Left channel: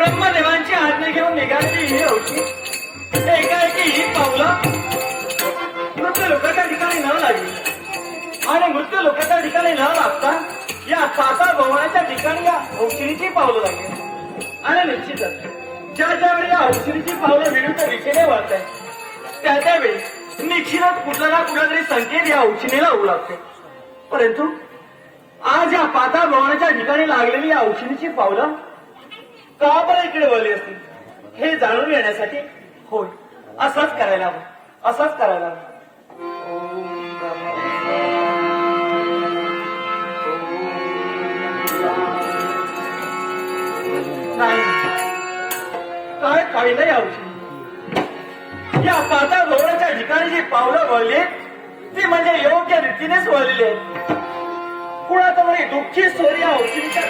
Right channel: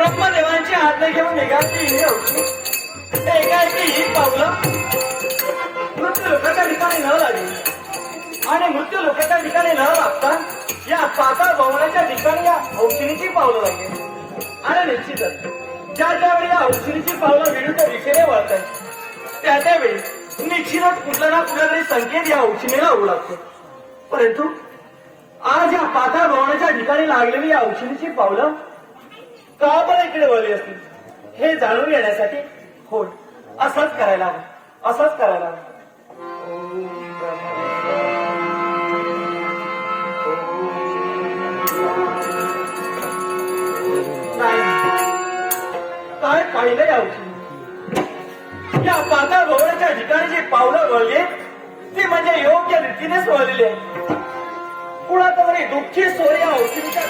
ब्रह्मदेवांची आज्ञा घेऊन निघालेली ही होती. एकाएकी ही पावलं मृत्यू लोकांच्या ठिकाणी न लागली आणि मृत्यू लोकांच्या ठिकाणी न लागता या पाताळ भवनाच्या ठिकाणी या औषधीची पावलं लागली. आणि निश्चितच ज्या त्यावेळी या औषधीची पावलं विरुद्ध दिशेने वळत आहे त्यावेळी निश्चितच कुठला ना कुठला तरी संकेत या औषधीला होऊ लागते. परंतु आज या पाताळ भवनाच्या ठिकाणी लागलेली या औषधीची पावलं का बरं इकडे वळली असतील हे जाणून घेण्यासाठी होय असंच करायला हवं, असंच करायला हवं. नाही काय पाहिलं या औषधी या पाताळ भवनाच्या ठिकाणी जी पावलं वळली ती म्हणजे योग्य रीतीनेच वळलेली आहे. कुणातरी दुःखी स्वर या औषधीच्या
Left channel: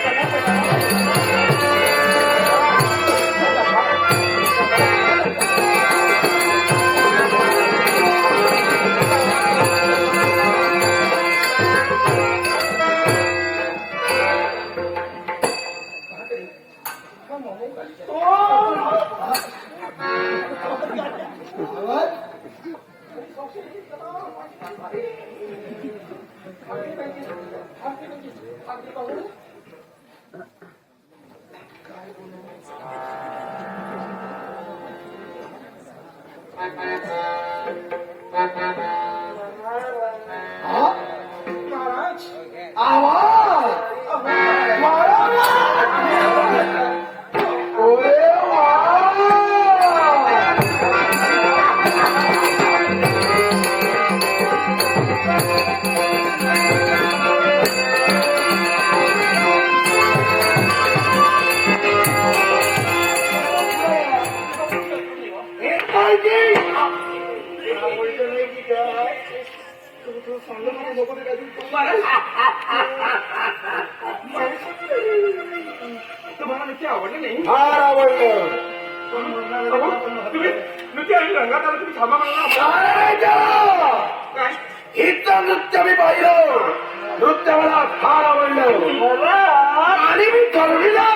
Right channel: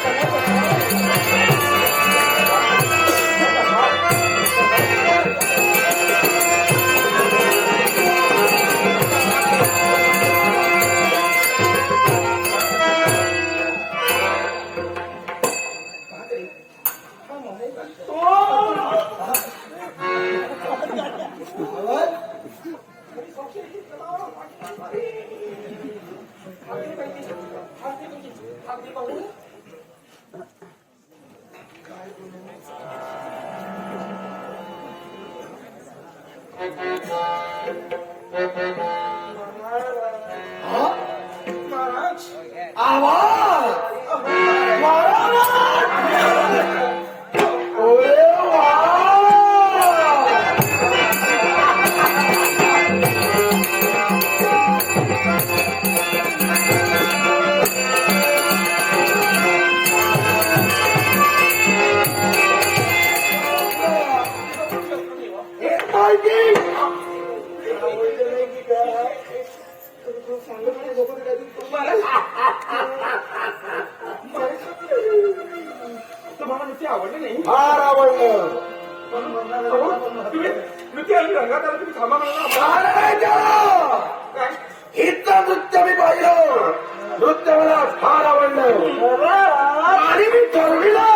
नृत्य मी पाहिलं. नृत्य मला फार आवडलं आणि मी ठरविलं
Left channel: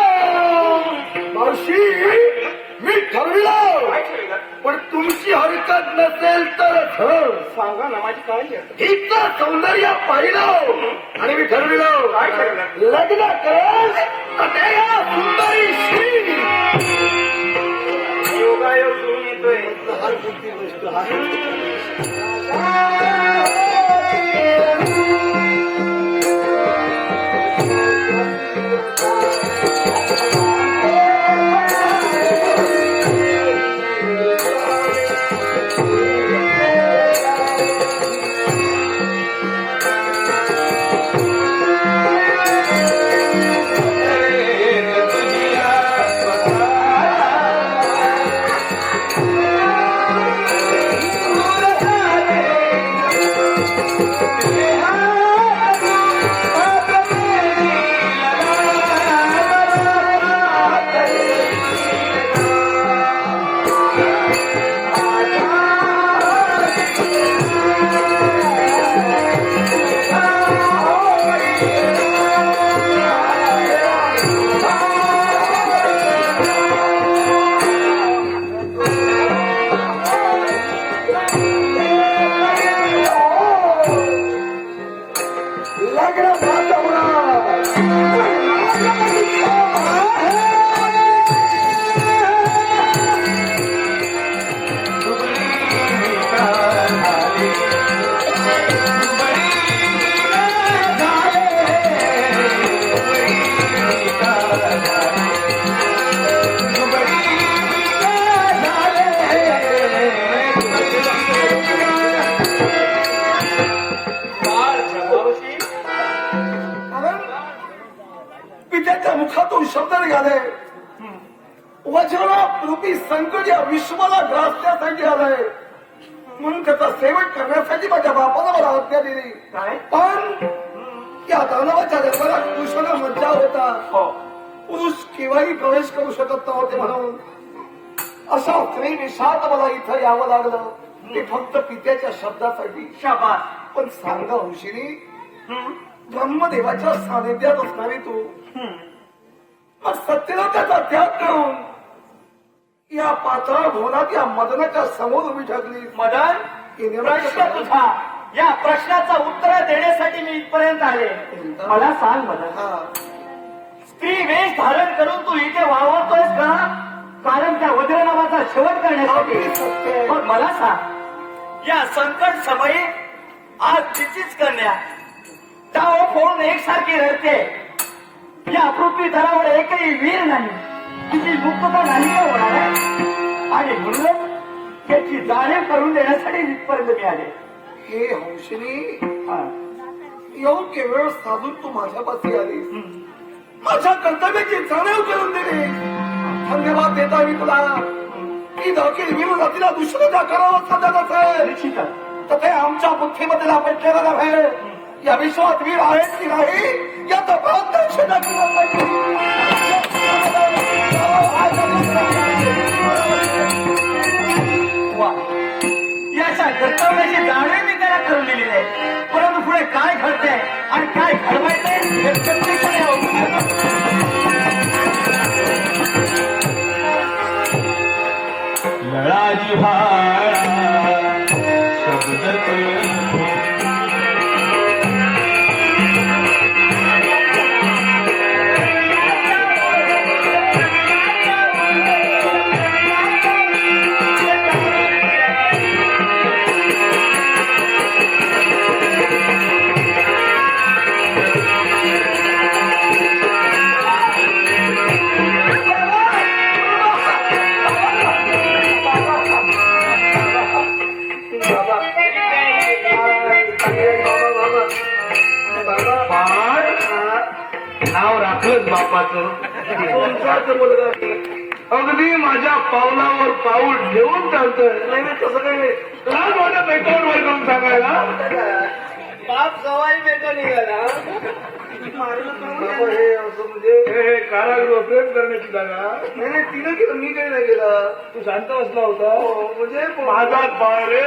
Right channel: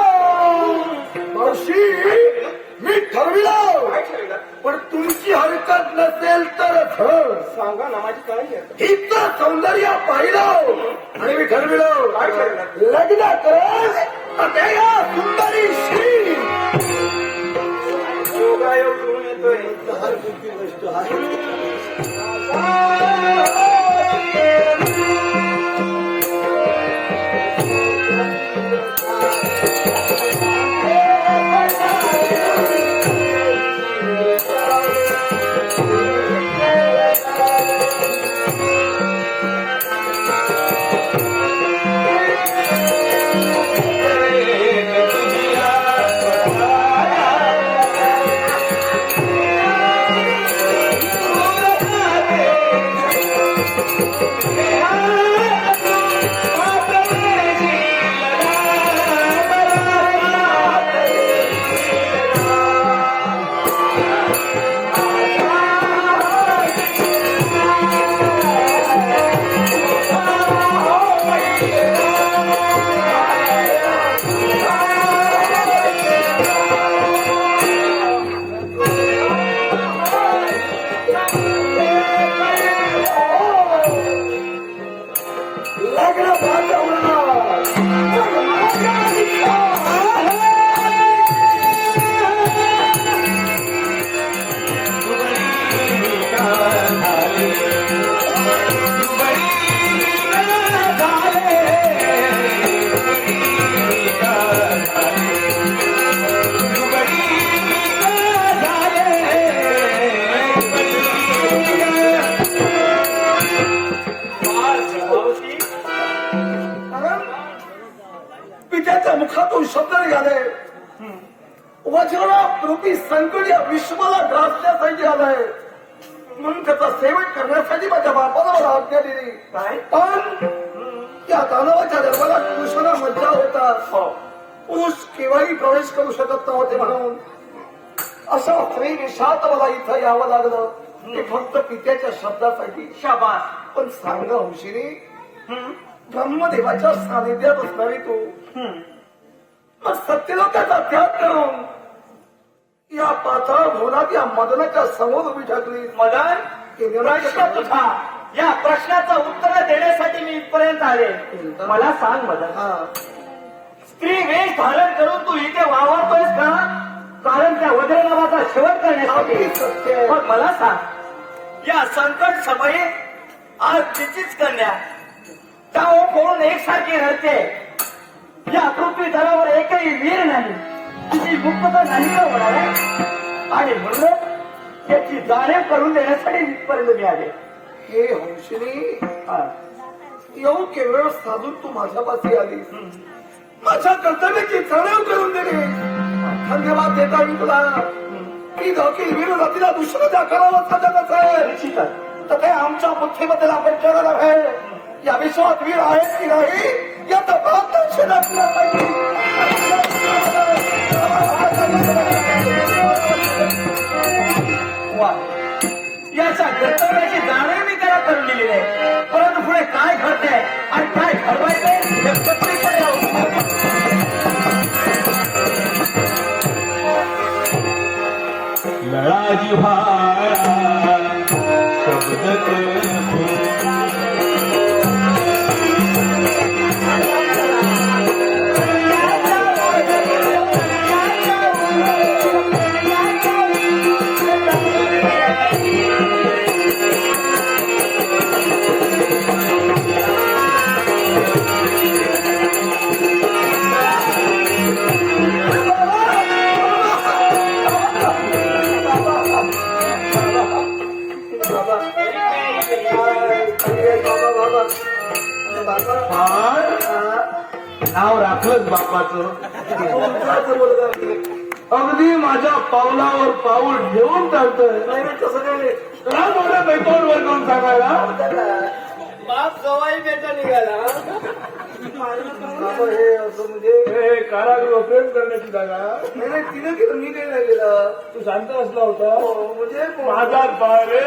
मावशी, मी ठरविलं. पण तुमची हरकत नसेल तर सांगा ना माझी काय. इतकं सौंदर्य पाहिलं आणि मी ठरविलं लग्न कर या सुंदरीशी. योगायोग घेऊन येतोय. मुखातून शब्द निघाले. वज्ररूपी संकट या विश्वाला ग्रासण्यासाठी आलंय म्हणून त्याचा सेवन करण्यासाठी माझ्या बापाला मला आज्ञा दिली. पण या दानवाच्या दरबारात पुरुषाला मज्जा होता. पुरुष केव्हाही प्रवेश करू शकत नव्हते म्हणून अशा स्त्री विषात मला इथं यावं लागलं. ते फक्त पित्याच्या शब्दासाठी. शाबास. पण सांगा हौशीनी, ब्रह्मदेवाच्या सानिध्यात असणारी तू मग सत्यला त्याचा त्याग करून या पातळ भोवनात या मदनाच्या समोर उभी ठाकली. मदन, की प्रश्न तुझा, या प्रश्नाचं उत्तर देण्यासाठी मी इथपर्यंत आले. मला सांग मदन, हा. स्त्री वेश धारण करून तू इथे वावरतोयस का, कारण त्या वज्रनामाचा शेवट करण्यासाठी? अगदी सत्य आहे. पण मला सांग, या संकट समयी आज तिचीच कन्या टाव फोडून एकसारखी रडते. या पृथ्वी तलावर एकही वीर नाही, तिची मुक्तता नाही का होणार आहे? आणि म्हणून त्याची जाणीव करून देण्यासाठी इथपर्यंत मी आले. हे हंसिनी, हा. योग्य वेळ साधून तू माझ्यापाशी आली. माझ्या कर्तव्याची जाणीव करून दिली. धन्यवाद देता मी तुला. की दखील विरोधातीला दुसरं ज्या करावं साधत असेल निश्चितच तर ते आमच्या बुद्धीमध्ये आपण केलं नव्हे. या विश्वात वीर आहेत की नाही या तपास तुला वा, याच्या कर्तव्याची जाणीव मी त्याला करून दिली आहे. परंतु पुढे काय घडते आणि काय घडवायचंय हे प्रत्येकाने लळाजी भाया शब्द नाव राखलंच बापाचं. अगदी माझ्या पावलावर पाऊल ठेवून चालतोय. तसं नाही. तुला मोठ्या बैठावर वर करून सांगायला बाप जवाई बेटा निघाला. हे असं म्हणजे हे कारागृह प्रेम करण्याची जागा. नाही तिने केलं मी काही नाही केलं. तू शांत बसला होता म्हणजे माझा बाळ रे.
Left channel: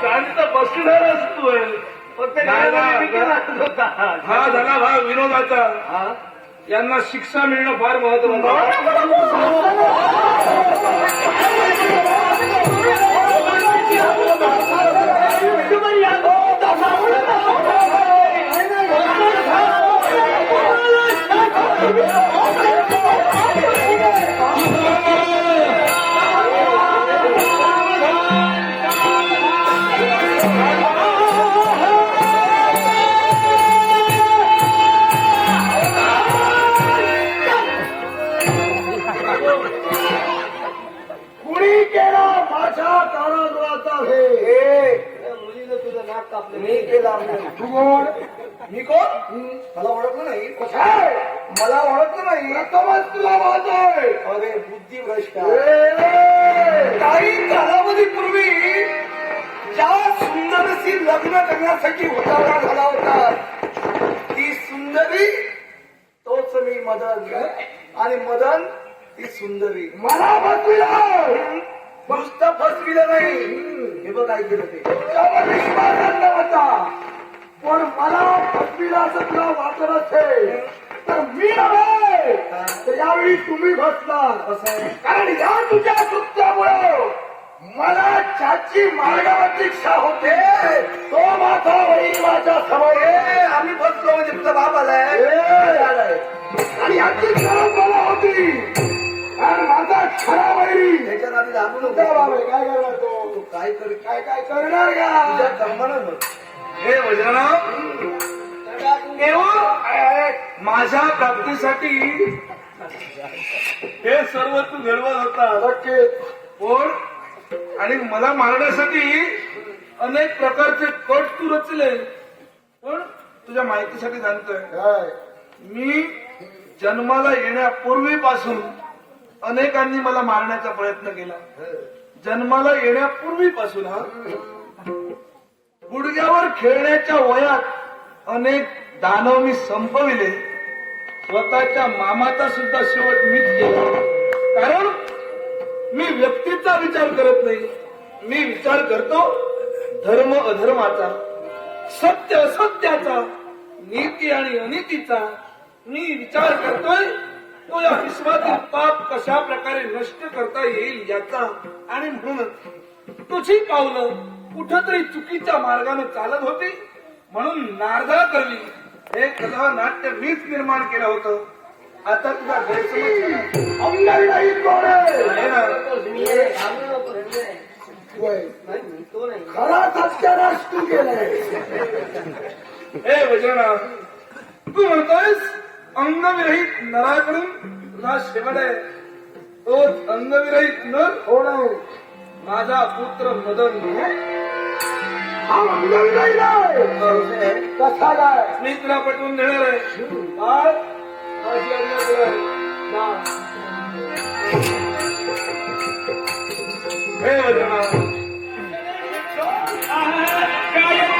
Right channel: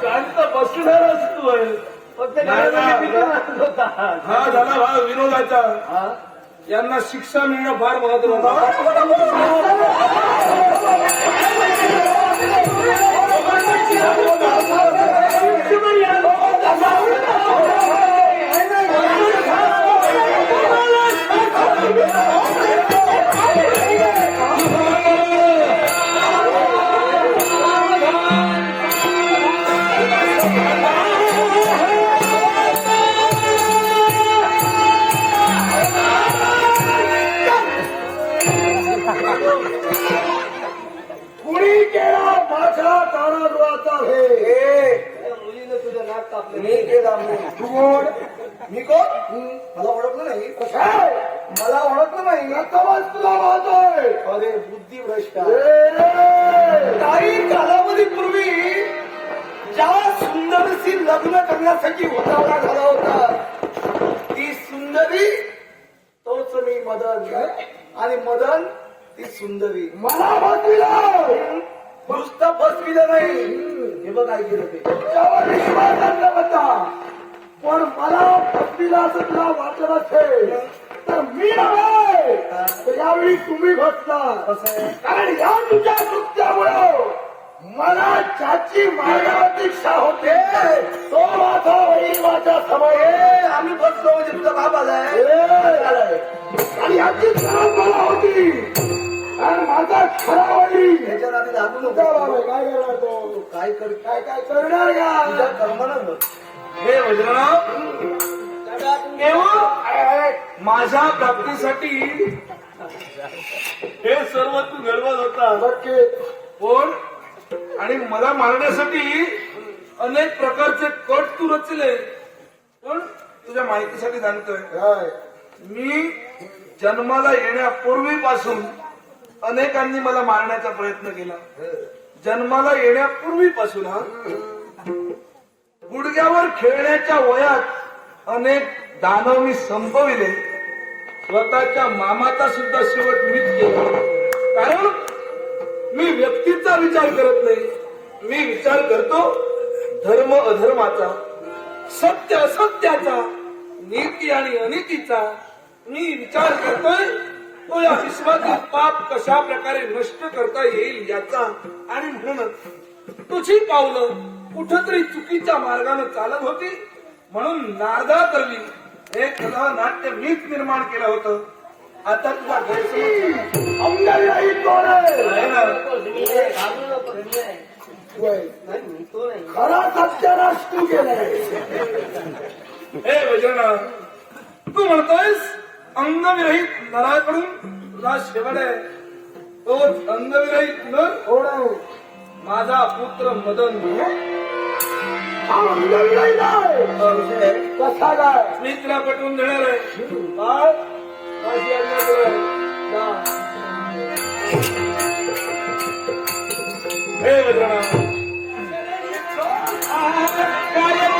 शांत बसणारच तू आहे. हा झाला भाग विनोदाचा. यांना शिक्षा मिळणं फार महत्वाचं. कुणी केला माझ्या कारागृहाचा हे मुलीने तुझं नाक कापलं. मी केला. तू कोण? मी कोण? मला ओळखलं नाही. मला ओळखलं नाही. तुला वाजतोय. अरे बुद्धिभ्रष्ट. काही कालावधीपूर्वी ज्या सुंदरीशी लग्न करण्यासाठी उतावळा झाला होता ती सुंदरी तोच मी मदन. आणि मदन ती सुंदरी. मला बसविलं. नुसतं बसविलं नाही. हे बघ काय केलं ते. तुझ्यावर विश्वास होता. पण मला बसविला असं तुला वाटत असेल तर मी नव्हे. यावेळी तुम्ही बसला. कारण या तुझ्या कृत्यामुळं मला ज्याची मारण्याची इच्छा होते तो माझा वही माझ्या समोर. आम्ही बसलो म्हणजे तुझा बाप आलाय. आणि याची गरज मला होती. आणि माझा खरा वही ह्याच्या नादी लागू नको. काय करणार तो? काय काय करणार का तुझ्या कर्मानं. हे वज्रनाव माझ्या प्राप्तीसाठी हे सर्व तू घडवत होता. कोण? आणि मला मारण्यासाठी अनेक प्रकारचे कट तू रचले. पण तुझ्या माहितीसाठी सांगतोय मी जन्माला येण्यापूर्वीपासून अनेकांनी मला मारण्याचा प्रयत्न केला. जन्माला येण्यापूर्वीपासून गुडघ्यावर खेळण्याच्या वयात अनेक दानव मी संपविले. स्वतःच्या मामाचा सुद्धा शेवट मीच केला. कारण मी व्यक्तीचा विचार करत नाही. मी विचार करतो धर्म अधर्माचा, सत्य असत्याचा, नीती आणि अनितीचा, मी विचार करतोय तो या विश्वातील पाप कशा प्रकारे नष्ट करता येईल याचा. आणि म्हणूनच तुझी पावलं कुठंतरी चुकीच्या मार्गाने चालत होती, म्हणून नारदा करवी हे कथा नाट्य मीच निर्माण केलं होतं. आता तुझा गैरसमज अंगाई नाही तोरे आहे ना. खरा सत्यानाश तू केलाय. हे वैजनाथ, तू म्हणतोयस अंगविरहित नराकडून तुझा शेवट आहे. तोच अंगविरहित नर कोण आहे? माझा पुत्र मदन. हा अंगविरहित आहे. कसा काय? मी तुला पटवून देणार आहे. बाळ, माझी आज्ञा कर. जा. हे वैजनाथ, काय